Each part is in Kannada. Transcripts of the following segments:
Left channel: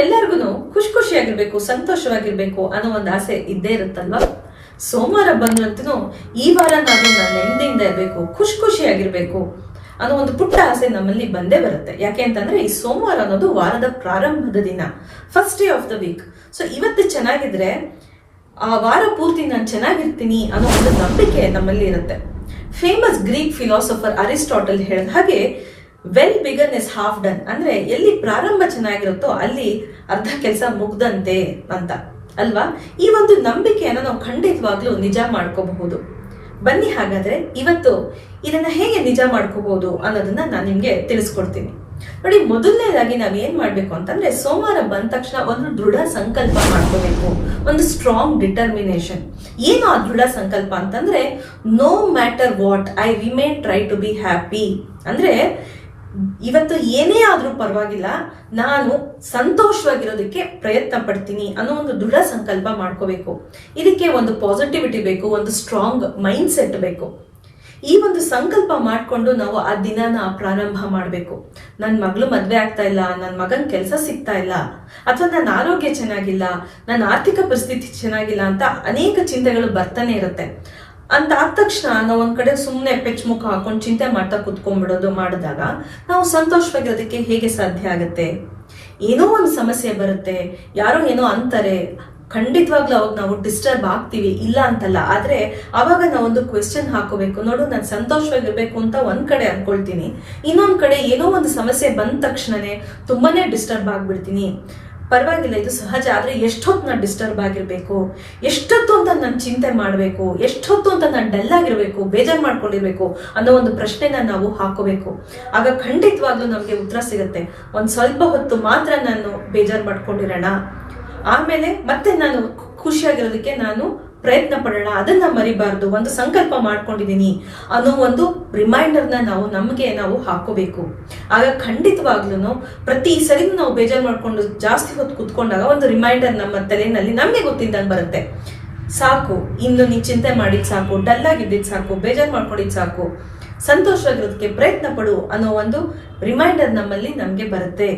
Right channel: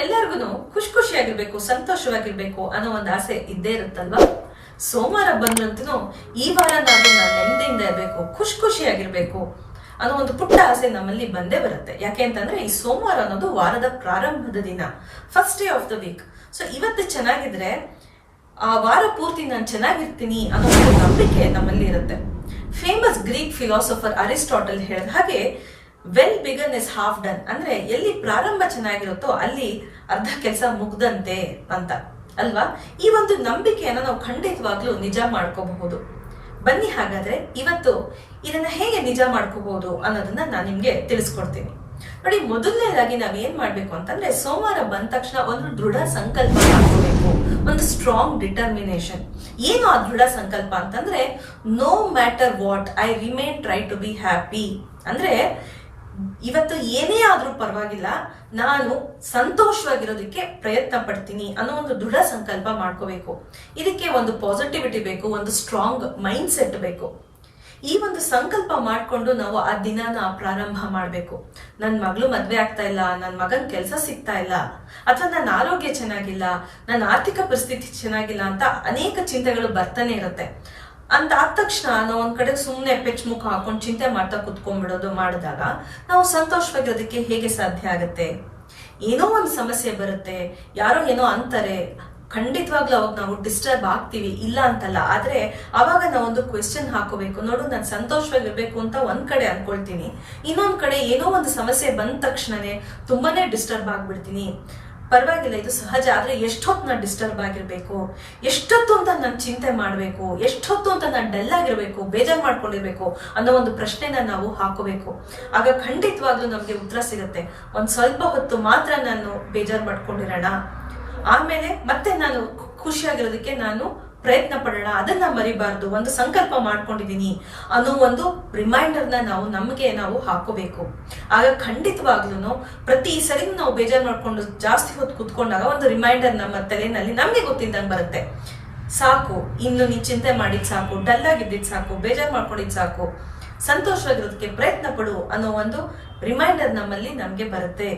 ನಮ್ಮೆಲ್ಲರಿಗೂ ಖುಷಿಯಾಗಿರ್ಬೇಕು, ಸಂತೋಷವಾಗಿರ್ಬೇಕು ಅನ್ನೋ ಒಂದು ಆಸೆ ಇದ್ದೇ ಇರುತ್ತಲ್ವಾ. ಸೋಮವಾರ ಬಂದ್ರಂತೂ ಈ ವಾರ ನಾನು ನೆಮ್ಮದಿಯಿಂದ ಇರಬೇಕು, ಖುಷಿಯಾಗಿರ್ಬೇಕು ಅನ್ನೋ ಒಂದು ಪುಟ್ಟ ಆಸೆ ನಮ್ಮಲ್ಲಿ ಬಂದೇ ಬರುತ್ತೆ. ಯಾಕೆ ಅಂತಂದ್ರೆ ಈ ಸೋಮವಾರ ಅನ್ನೋದು ವಾರದ ಪ್ರಾರಂಭದ ದಿನ, first day of the week. So ಇವತ್ತು ಚೆನ್ನಾಗಿದ್ರೆ ಆ ವಾರ ಪೂರ್ತಿ ನಾನು ಚೆನ್ನಾಗಿರ್ತೀನಿ ಅನ್ನೋ ಒಂದು ನಂಬಿಕೆ ನಮ್ಮಲ್ಲಿ ಇರುತ್ತೆ. ಫೇಮಸ್ ಗ್ರೀಕ್ ಫಿಲಾಸಫರ್ ಅರಿಸ್ಟಾಟಲ್ ಹೇಳಿದ ಹಾಗೆ well begun is half done, ಅಂದ್ರೆ ಎಲ್ಲಿ ಪ್ರಾರಂಭ ಚೆನ್ನಾಗಿರುತ್ತೋ ಅಲ್ಲಿ ಅರ್ಧ ಕೆಲಸ ಮುಗ್ದಂತೆ ಅಂತ ಅಲ್ವಾ. ಈ ಒಂದು ನಂಬಿಕೆಯನ್ನು ನಾವು ಖಂಡಿತವಾಗ್ಲೂ ನಿಜ ಮಾಡ್ಕೋಬಹುದು. ಬನ್ನಿ ಹಾಗಾದ್ರೆ ಇವತ್ತು ಇದನ್ನ ಹೇಗೆ ನಿಜ ಮಾಡ್ಕೋಬಹುದು ಅನ್ನೋದನ್ನ ನಾನು ನಿಮ್ಗೆ ತಿಳಿಸ್ಕೊಡ್ತೀನಿ. ನೋಡಿ, ಮೊದಲನೇದಾಗಿ ನಾವ್ ಏನ್ ಮಾಡ್ಬೇಕು ಅಂತಂದ್ರೆ ಸೋಮವಾರ ಬಂದ ತಕ್ಷಣ ಒಂದು ದೃಢ ಸಂಕಲ್ಪ ಮಾಡ್ಕೋಬೇಕು, ಒಂದು ಸ್ಟ್ರಾಂಗ್ ಡಿಟರ್ಮಿನೇಷನ್. ಏನು ಆ ದೃಢ ಸಂಕಲ್ಪ ಅಂತಂದ್ರೆ no matter what I remain try to be happy. ಅಂದ್ರೆ ಇವತ್ತು ಏನೇ ಆದ್ರೂ ಪರವಾಗಿಲ್ಲ, ನಾನು ಸಂತೋಷವಾಗಿರೋದಕ್ಕೆ ಪ್ರಯತ್ನ ಪಡ್ತೀನಿ ಅನ್ನೋ ಒಂದು ದೃಢ ಸಂಕಲ್ಪ ಮಾಡ್ಕೋಬೇಕು. ಇದಕ್ಕೆ ಒಂದು ಪಾಸಿಟಿವಿಟಿ ಬೇಕು, ಒಂದು ಸ್ಟ್ರಾಂಗ್ ಮೈಂಡ್ ಸೆಟ್ ಬೇಕು. ಈ ಒಂದು ಸಂಕಲ್ಪ ಮಾಡ್ಕೊಂಡು ನಾವು ಆ ದಿನನ ಪ್ರಾರಂಭ ಮಾಡಬೇಕು. ನನ್ನ ಮಗಳು ಮದ್ವೆ ಆಗ್ತಾ ಇಲ್ಲ, ನನ್ನ ಮಗನ್ ಕೆಲಸ ಸಿಗ್ತಾ ಇಲ್ಲ, ಅಥವಾ ನನ್ನ ಆರೋಗ್ಯ ಚೆನ್ನಾಗಿಲ್ಲ, ನನ್ನ ಆರ್ಥಿಕ ಪರಿಸ್ಥಿತಿ ಚೆನ್ನಾಗಿಲ್ಲ ಅಂತ ಅನೇಕ ಚಿಂತೆಗಳು ಬರ್ತಾನೆ ಇರುತ್ತೆ. ಅಂತ ಆದ ತಕ್ಷಣ ನಾವು ಒಂದ್ ಕಡೆ ಸುಮ್ಮನೆ ಪೆಚ್ ಮುಖ ಹಾಕೊಂಡು ಚಿಂತೆ ಮಾಡ್ತಾ ಕುತ್ಕೊಂಡ್ಬಿಡೋದು ಮಾಡಿದಾಗ ನಾವು ಸಂತೋಷವಾಗಿರೋದಕ್ಕೆ ಹೇಗೆ ಸಾಧ್ಯ ಆಗುತ್ತೆ? ಏನೋ ಒಂದು ಸಮಸ್ಯೆ ಬರುತ್ತೆ, ಯಾರೋ ಏನೋ ಅಂತಾರೆ, ಖಂಡಿತವಾಗ್ಲೂ ಅವಾಗ ನಾವು ಡಿಸ್ಟರ್ಬ್ ಆಗ್ತೀವಿ, ಇಲ್ಲ ಅಂತಲ್ಲ. ಆದ್ರೆ ಅವಾಗ ನಾವೊಂದು ಕ್ವೆಶ್ಚನ್ ಹಾಕೋಬೇಕು. ನೋಡು, ನಾನು ಸಂತೋಷವಾಗಿರ್ಬೇಕು ಅಂತ ಒಂದ್ ಕಡೆ ಅನ್ಕೊಳ್ತೀನಿ, ಇನ್ನೊಂದ್ ಕಡೆ ಏನೋ ಒಂದು ಸಮಸ್ಯೆ ಬಂದ ತಕ್ಷಣನೇ ತುಂಬಾನೇ ಡಿಸ್ಟರ್ಬ್ ಆಗ್ಬಿಡ್ತೀನಿ. ಪರವಾಗಿಲ್ಲ, ಇದು ಸಹಜ. ಆದ್ರೆ ಎಷ್ಟೊತ್ತು ನಾನು ಡಿಸ್ಟರ್ಬ್ ಆಗಿರ್ಬೇಕು, ಎಷ್ಟೊತ್ತು ಅಂತ ನಾನು ಚಿಂತೆ ಮಾಡ್ಬೇಕು, ಎಷ್ಟೊತ್ತು ಅಂತ ನಾನು ಡಲ್ ಆಗಿರ್ಬೇಕು, ಬೇಜಾರ್ ಮಾಡ್ಕೊಂಡಿರ್ಬೇಕು ಅನ್ನೋ ಒಂದು ಪ್ರಶ್ನೆನ ನಾವು ಹಾಕೋಬೇಕು. ಆಗ ಖಂಡಿತವಾಗ್ಲೂ ನಮ್ಗೆ ಉತ್ತರ ಸಿಗುತ್ತೆ. ಒಂದ್ ಸ್ವಲ್ಪ ಹೊತ್ತು ಮಾತ್ರ ನಾನು ಬೇಜಾರ್ ಮಾಡ್ಕೊಂಡಿರೋಣ, ಆಮೇಲೆ ಮತ್ತೆ ನಾನು ಖುಷಿಯಾಗಿರೋದಕ್ಕೆ ನಾನು ಪ್ರಯತ್ನ ಪಡೋಣ, ಅದನ್ನ ಮರಿಬಾರ್ದು, ಒಂದು ಸಂಕಲ್ಪ ಮಾಡ್ಕೊಂಡಿದೀನಿ ಅನ್ನೋ ಒಂದು ರಿಮೈಂಡರ್ನ ನಾವು ಹಾಕೋಬೇಕು. ಆಗ ಖಂಡಿತವಾಗ್ಲೂ ಪ್ರತಿ ಸರಿ ನಾವು ಬೇಜಾರು ಮಾಡ್ಕೊಂಡು ಜಾಸ್ತಿ ಹೊತ್ತು ಕುತ್ಕೊಂಡಾಗ ಒಂದು ರಿಮೈಂಡರ್ ನಮ್ಮ ತಲೆಯಲ್ಲಿ ನಮ್ಗೆ ಗೊತ್ತಿದ್ದಂಗೆ ಬರುತ್ತೆ. ಸಾಕು, ಇನ್ನು ನೀನ್ ಚಿಂತೆ ಮಾಡಿದ್ ಸಾಕು, ಡಲ್ ಆಗಿದ್ದಿದ್ ಸಾಕು, ಬೇಜಾರು ಮಾಡ್ಕೊಂಡಿದ್ ಸಾಕು, ಸಂತೋಷವಾಗಿರೋದಕ್ಕೆ ಪ್ರಯತ್ನ ಪಡು ಅನ್ನೋ ಒಂದು ರಿಮೈಂಡರ್ ನಮ್ಗೆ ಬರುತ್ತೆ.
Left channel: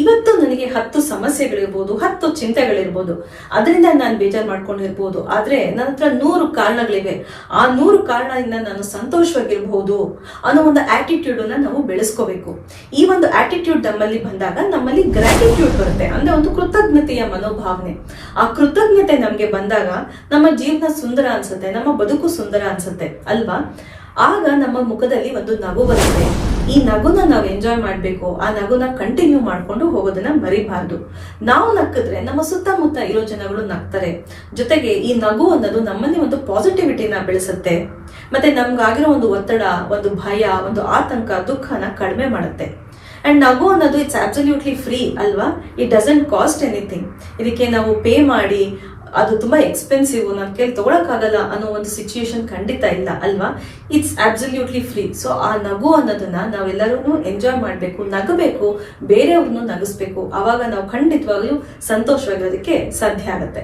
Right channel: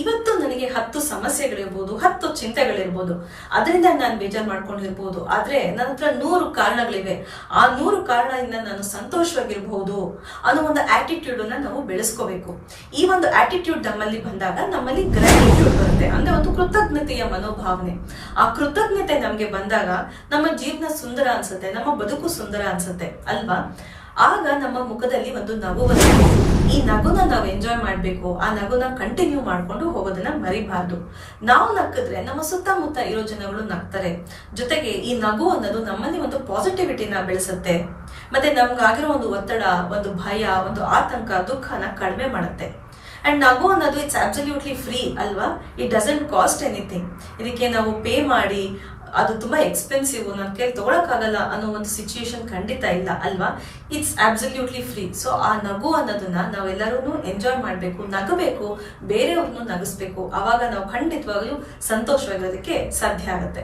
ಇವತ್ತು ನನಗೆ 10 ಸಮಸ್ಯೆಗಳಿರ್ಬೋದು, 10 ಚಿಂತೆಗಳಿರ್ಬೋದು, ಅದರಿಂದ ನಾನು ಬೇಜಾರು ಮಾಡ್ಕೊಂಡಿರ್ಬೋದು. ಆದ್ರೆ ನನ್ನ ಹತ್ರ 100 ಕಾರಣಗಳಿವೆ. ಆ 100 ಕಾರಣದಿಂದ ನಾನು ಸಂತೋಷವಾಗಿರ್ಬಹುದು ಅನ್ನೋ ಒಂದು ಆಟಿಟ್ಯೂಡ್ ಅನ್ನ ನಾವು ಬೆಳೆಸ್ಕೋಬೇಕು. ಈ ಒಂದು ಆಟಿಟ್ಯೂಡ್ ನಮ್ಮಲ್ಲಿ ಬಂದಾಗ ನಮ್ಮಲ್ಲಿ ಗ್ರಾಟಿಟ್ಯೂಡ್ ಬರುತ್ತೆ, ಅಂದ್ರೆ ಒಂದು ಕೃತಜ್ಞತೆಯ ಮನೋಭಾವನೆ. ಆ ಕೃತಜ್ಞತೆ ನಮ್ಗೆ ಬಂದಾಗ ನಮ್ಮ ಜೀವನ ಸುಂದರ ಅನ್ಸುತ್ತೆ, ನಮ್ಮ ಬದುಕು ಸುಂದರ ಅನ್ಸುತ್ತೆ ಅಲ್ವಾ. ಆಗ ನಮ್ಮ ಮುಖದಲ್ಲಿ ಒಂದು ನಗು ಬರುತ್ತೆ. ಈ ನಗುನ ನಾವು ಎಂಜಾಯ್ ಮಾಡ್ಬೇಕು, ಆ ನಗುನ ಕಂಟಿನ್ಯೂ ಮಾಡ್ಕೊಂಡು ಹೋಗೋದನ್ನ ಮರಿಬಾರ್ದು. ನಾವು ನಕ್ಕಿದ್ರೆ ನಮ್ಮ ಸುತ್ತಮುತ್ತ ಇರೋ ಜನಗಳು ನಗ್ತಾರೆ. ಜೊತೆಗೆ ಈ ನಗು ಅನ್ನೋದು ನಮ್ಮಲ್ಲಿ ಒಂದು ಪಾಸಿಟಿವಿಟಿನ ಬೆಳೆಸುತ್ತೆ, ಮತ್ತೆ ನಮ್ಗಾಗಿರೋ ಒಂದು ಒತ್ತಡ, ಒಂದು ಭಯ, ಒಂದು ಆತಂಕ, ದುಃಖನ ಕಡಿಮೆ ಮಾಡುತ್ತೆ. ಅಂಡ್ ನಗು ಅನ್ನೋದು ಇಟ್ಸ್ ಅಬ್ಸಲ್ಯೂಟ್ಲಿ ಫ್ರೀ ಅಲ್ವಾ. It doesn't cost anything. ಇದಕ್ಕೆ ನಾವು ಪೇ ಮಾಡಿ ಅದು ತುಂಬಾ ಎಕ್ಸ್ಪೆನ್ಸಿವ್, ನನ್ನ ಕೈಲಿ ತಗೊಳಕ್ಕಾಗಲ್ಲ ಅನ್ನೋ ಒಂದು ಸಿಚುಯೇಷನ್ ಖಂಡಿತ ಇಲ್ಲ ಅಲ್ವಾ. It's absolutely free. ಸೊ ಆ ನಗು ಅನ್ನೋದನ್ನ ನಾವೆಲ್ಲರೂ ಎಂಜಾಯ್ ಮಾಡ್ಬೇಕು, ನಗಬೇಕು, ಬೇರೆಯವ್ರನ್ನು ನಗಿಸ್ಬೇಕು. ಅವಾಗ ನಾವು ಖಂಡಿತವಾಗ್ಲೂ ಸಂತೋಷವಾಗಿರೋದಕ್ಕೆ ಸಾಧ್ಯ ಆಗುತ್ತೆ.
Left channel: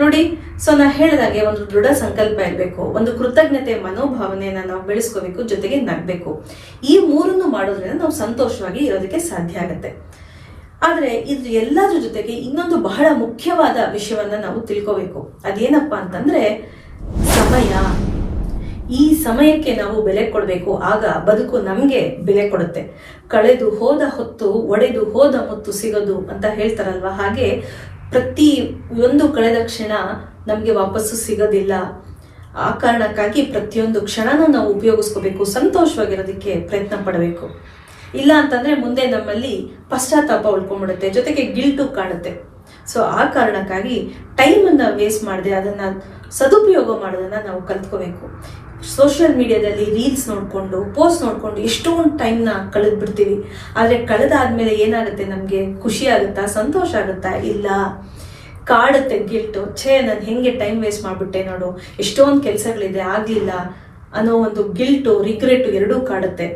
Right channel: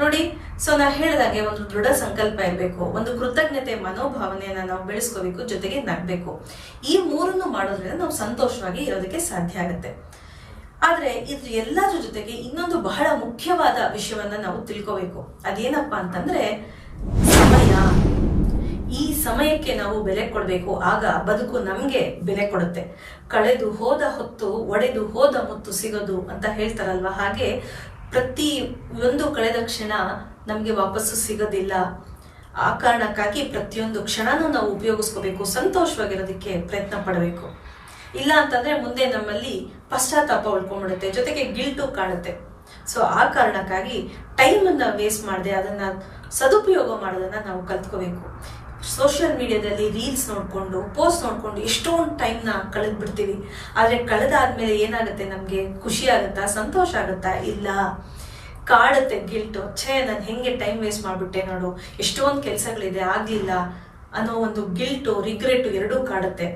ನೋಡಿ, ಸೊ ನಾ ಹೇಳಿದಾಗೆ ಒಂದು ದೃಢ ಸಂಕಲ್ಪ ಇರಬೇಕು, ಒಂದು ಕೃತಜ್ಞತೆ ಮನೋಭಾವನೆಯನ್ನ ನಾವು ಬೆಳೆಸ್ಕೋಬೇಕು, ಜೊತೆಗೆ ನಗ್ಬೇಕು. ಈ 3 ಮಾಡೋದ್ರಿಂದ ನಾವು ಸಂತೋಷವಾಗಿ ಇರೋದಕ್ಕೆ ಸಾಧ್ಯ ಆಗುತ್ತೆ. ಆದ್ರೆ ಇದ್ರ ಎಲ್ಲದ್ರ ಜೊತೆಗೆ ಇನ್ನೊಂದು ಬಹಳ ಮುಖ್ಯವಾದ ವಿಷಯವನ್ನ ನಾವು ತಿಳ್ಕೋಬೇಕು. ಅದೇನಪ್ಪಾ ಅಂತಂದ್ರೆ ಸಮಯ. ಈ ಸಮಯಕ್ಕೆ ನಾವು ಬೆಲೆ ಕೊಡ್ಬೇಕು, ಆಗ ಬದುಕು ನಮ್ಗೆ ಬೆಲೆ ಕೊಡುತ್ತೆ. ಕಳೆದು ಹೋದ ಹೊತ್ತು ಒಡೆದು ಹೋದ ಮುತ್ತು ಸಿಗೋದು ಅಂತ ಹೇಳ್ತಾರಲ್ವಾ, ಹಾಗೆ ಪ್ರತಿ ಒಂದು ಕಳೆದ ಕ್ಷಣ ನಮ್ಗೆ ವಾಪಸ್ಸು ಸಿಗೋದಿಲ್ಲ. ಆ ಕಾರಣಕ್ಕಾಗಿ ಪ್ರತಿಯೊಂದು ಕ್ಷಣನೂ ನಾವು ಉಪಯೋಗಿಸ್ಕೋಬೇಕು, ಸಂತೋಷವಾಗಿರೋದಕ್ಕೆ ಪ್ರಯತ್ನ ಪಡಬೇಕು. ಇಲ್ಲ ಅಂತಂದ್ರೆ ಮುಂದೆ ನಮ್ಮಲ್ಲಿ ಪಶ್ಚಾತ್ತಾಪ ಉಳ್ಕೊಂಡ್ಬಿಡುತ್ತೆ, ಜೊತೆಗೆ ಗಿಲ್ಟು ಕಾಣುತ್ತೆ. ಸೊ ಆ ಕಾರಣಕ್ಕಾಗಿ ಟೈಮ್ ಅನ್ನ ವೇಸ್ಟ್ ಮಾಡದೆ ಅದನ್ನ ಸದುಪಯೋಗ ಮಾಡೋದನ್ನ ನಾವು ಕಲ್ತ್ಕೋಬೇಕು. ಸೋಷಿಯಲ್ ಮೀಡಿಯಾದಲ್ಲಿ ರೀಲ್ಸ್ ನೋಡ್ಕೊಂಡು, ಪೋಸ್ಟ್ ನೋಡ್ಕೊಂಡು ಎಷ್ಟೊಂದು ಟೈಮ್ನ ಕಳೆದ್ ಬಿಡ್ತೀವಿ. ಆದ್ರೆ ಕಳೆದಾದ್ಮೇಲೆ ಏನಾಗುತ್ತೆ, ನಮ್ಗೆ ಖುಷಿ ಆಗುತ್ತಾ, ಸಂತೋಷ ಆಗುತ್ತಾ? ಇಲ್ಲ, ಕಾಡುತ್ತೆ ಗಿಲ್ಟು. ನಾನು ಹೆಂಗೆ ಟೈಮ್ ವೇಸ್ಟ್ ಮಾಡ್ಬಿಟ್ಟೆ ನೋಡು, ಎಷ್ಟೊಂದು ಕೆಲಸಗಳಿದೆ ಆಗ್ಲಿಲ್ಲ ಅನ್ನೋ ಒಂದು ಗಿಲ್ಟು, ರಿಗ್ರೆಟ್ ಎರಡೂ ಕಾಡುತ್ತೆ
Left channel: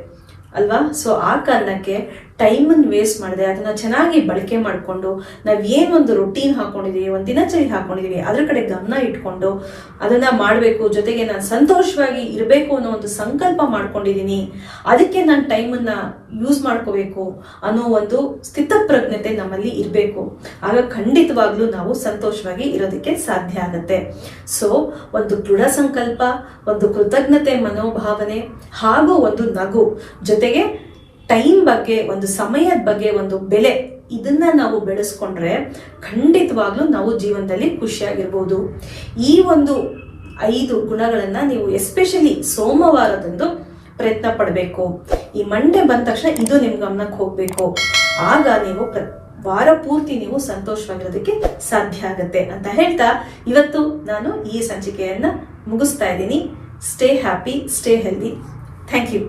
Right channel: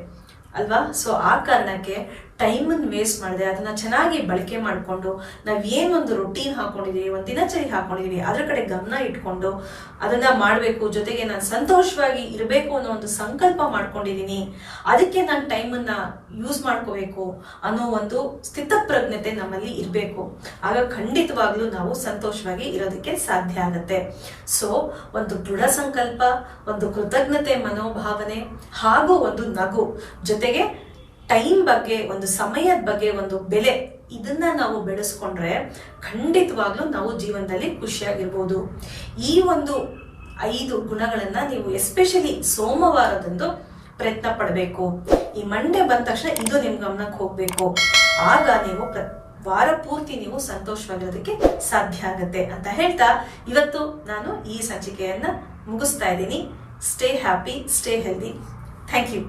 ಅಲ್ವಾ. ಸೊ ಆ ಕಾರಣಕ್ಕೆ ಟೈಮನ್ನು ವೇಸ್ಟ್ ಮಾಡದೆ ಅದನ್ನ ಚೆನ್ನಾಗಿ ಬಳಕೆ ಮಾಡಿಕೊಂಡು ನಾವು ಏನೊಂದು ರೊಟೀನ್ ಹಾಕೊಂಡಿದೀವಿ, ಒಂದು ದಿನಚರಿ ಹಾಕೊಂಡಿದೀವಿ, ಅದ್ರ ಕಡೆ ಗಮನ ಇಟ್ಕೊಂಡು ಅದನ್ನ ಮಾಡಬೇಕು. ಜೊತೆಗೆ ನಾನು ಸಂತೋಷವಾಗಿ ಇರಬೇಕು ಅನ್ನೋ ಒಂದು ಸಂಕಲ್ಪ ಮಾಡ್ಕೊಂಡಿದ್ದೀನಿ, ಅದಕ್ಕೆ ನಾನು ಟೈಮನ್ನ ಯೂಸ್ ಮಾಡ್ಕೋಬೇಕು ಅನ್ನೋ ಒಂದು ಸ್ಥಿತಪ್ರಜ್ಞತೆ ನಮ್ಮಲ್ಲಿ ಇರಬೇಕು. ಆಗ ಖಂಡಿತವಾಗ್ಲೂ ನಾವು ಸಂತೋಷವಾಗಿ ಇರೋದಕ್ಕೆ ಸಾಧ್ಯ ಆಗತ್ತೆ. ಸೊ ಒಂದು ದೃಢ ಸಂಕಲ್ಪ, ಒಂದು ಕೃತಜ್ಞತೆ ಮನೋಭಾವನೆ ಹಾಗೂ ಒಂದು ನಗು, ಜೊತೆಗೆ ಟೈಮ್ ಬಗ್ಗೆ, ಒಂದು ಸಮಯದ ಬಗ್ಗೆ ಒಂದು ಬೆಲೆ, ಇದನ್ನ ನಾವು ಬೆಳೆಸ್ಕೊಂಡ್ರೆ ಖಂಡಿತವಾಗ್ಲೂ ನಾವು ಜೀವನದಲ್ಲಿ ಖುಷಿಯಾಗಿರ್ಬೋದು. ಈ ಒಂದು 5 ಗುಣಗಳನ್ನ ನೀವು ಎಸ್ಪೆಷಲಿ ಸೋಮವಾರದಂದು ಪ್ರಯತ್ನ ಪಡಬೇಕು. ಈ ಮಂಡೇ ಬಂದ ತಕ್ಷಣ ಇದು ನಿಮ್ ಗಮನಕ್ಕೆ ಹೋಗ್ಬೇಕು. ಆಗ ನೀವು ವಾರ ಪೂರ್ತಿ ನೀವು ಸಂತೋಷವಾಗಿರೋದಕ್ಕೆ ಸಾಧ್ಯ ಆಗತ್ತೆ ಅಂತ ಹೇಳ್ತಾ ಇವತ್ತು ನಾನು ಈ ಸಂಚಿಕೆಯನ್ನ ಮುಗಿಸ್ತಾ ಇದ್ದೀನಿ. Stay happy, stay healthy. Thank you.